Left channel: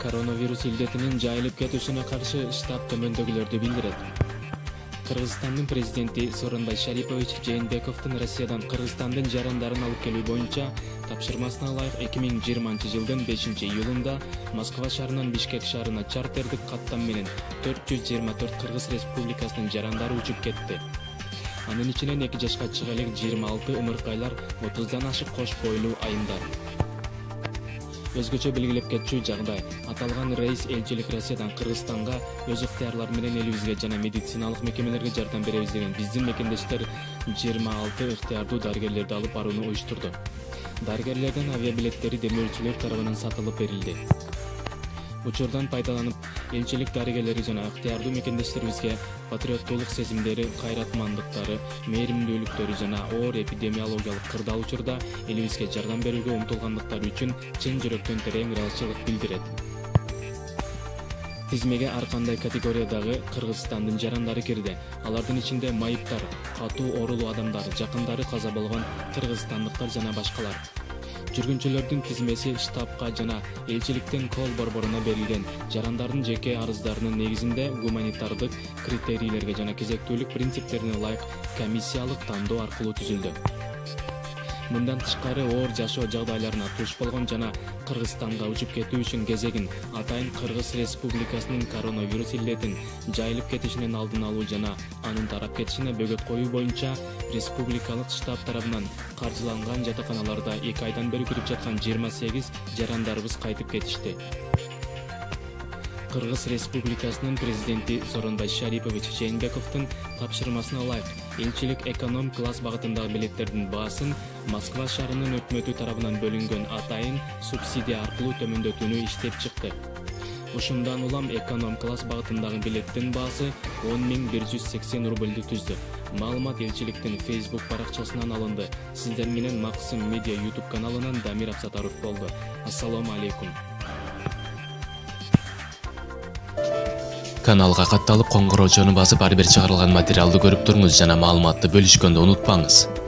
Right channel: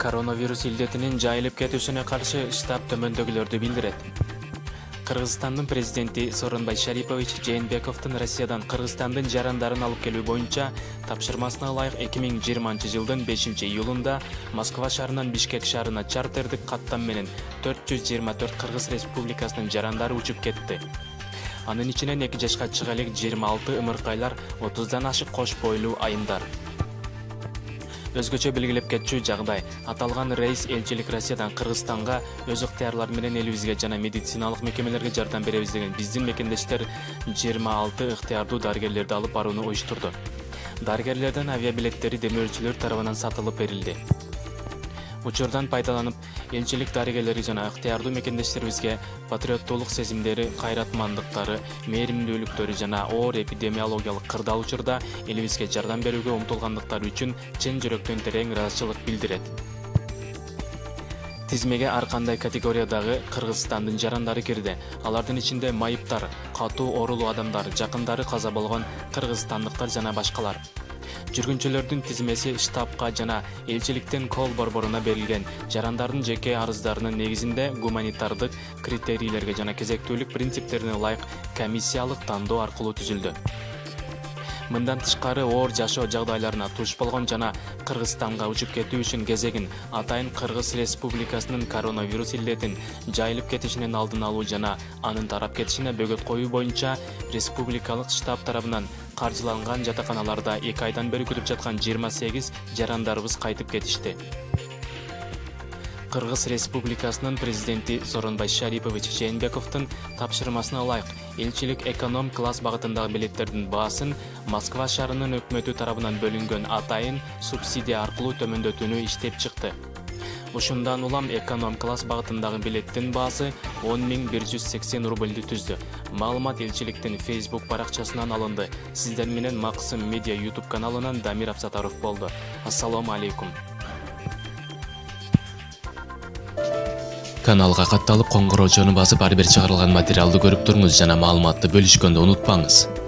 Коронавирус илдетинин жайылып кетүүсүнө каршы штаб төмөндөгүлөрдү билдирет. Кыргызстандын президенти Сооронбай Шарипович Жээнбековдун Россиядан Кыргызстандын жарандарын алып келүү боюнча тапшырмасына ылайык 2020-жылдын 5-июлунда Москва шаарынан Бишкек шаарына чартердик каттам менен 424 Кыргыз Республикасынын жарандары учуп кетти. Анын ичинен 2 жашка чыга элек 26 ымыркайлар, 30дан ашык кош бойлуу айымдар. Өзгөчө белгилеп кетчү жагдай, аталган рейс элчилик Россиядан Кыргызстанга өз ыктыярлары менен элибизге жана медициналык мекемелерге жардам беребиз деген биздин мекендештер 26 ыктыярдуу дарыгерлерди алып барууну уюштурду. Дарыгерлердин авиабилеттери демөөрчүлөр тарабынан сатылып берилди. Учурдан пайдаланып, элчилик дарыгерлери жана ыктыярдуу мекендештерибизге патриоттуулук сезимдери, кайратмандыктары, мээримдүүлүктөрү жана оор эпидемиологиялык кырдаал учурда элибизге жардам берүүгө умтулгандыктары үчүн чын жүрөктөн терең ыраазычылык билдирет. Тизмеге ар кандай категориядагы Кыргызстандын жарандары кирди. Алардын ичинде майыптар, катуу оорулуу адамдар, жакындары каза болгон кыргызстандыктар жана башкалар. Жүргүнчүлөрдүн тизмеси штабка жана элчиликтин кол борборуна берилген жарандардын жеке арыздарынын негизинде гуманитардык критерийлерге жана кезектүүлүк принциптерине ылайык комиссиялык тандоо аркылуу түзүлдү. Мындан тышкары оор жашоо жагдайларына туш болгон жана Кыргызстанга учуп кетүү үчүн кезегин атайын Кыргыз Республикасынын коронавирус илдетин жайылып кетишинин алдын алуу жана анын тарап кетишине бөгөт коюу боюнча республикалык штаб тарабынан каржыланган жатаканаларда 2 айдан бери күтүп жаткан 28 жарандарыбыз кайтып кетишти. Кыргыз Республикасынын президенти Сооронбай Шарипович Жээнбековдун тапшырмасына ылайык элчилик эконом класс багытындагы билеттердин баасын Москва шаарынын өкмөтү тарабынан бөлүнгөн атайын субсидия аркылуу төмөндөтүүнү иштеп чыкты. Ушундан улам эконом класс багытындагы билеттин баасы 10.180 рубльди түздү. Маалымат элчиликтин Facebook баракчасынан алынды. Сиздер менен Максым Медиа YouTube каналынан Дамир Абсатаров болду. Ассаламу алейкум. Каналга катталып, коңгуроочону басып, ар бир чыгарылган материалды көрүп туруңуз жана маалыматты бөлүшкөндү унутпаңыз.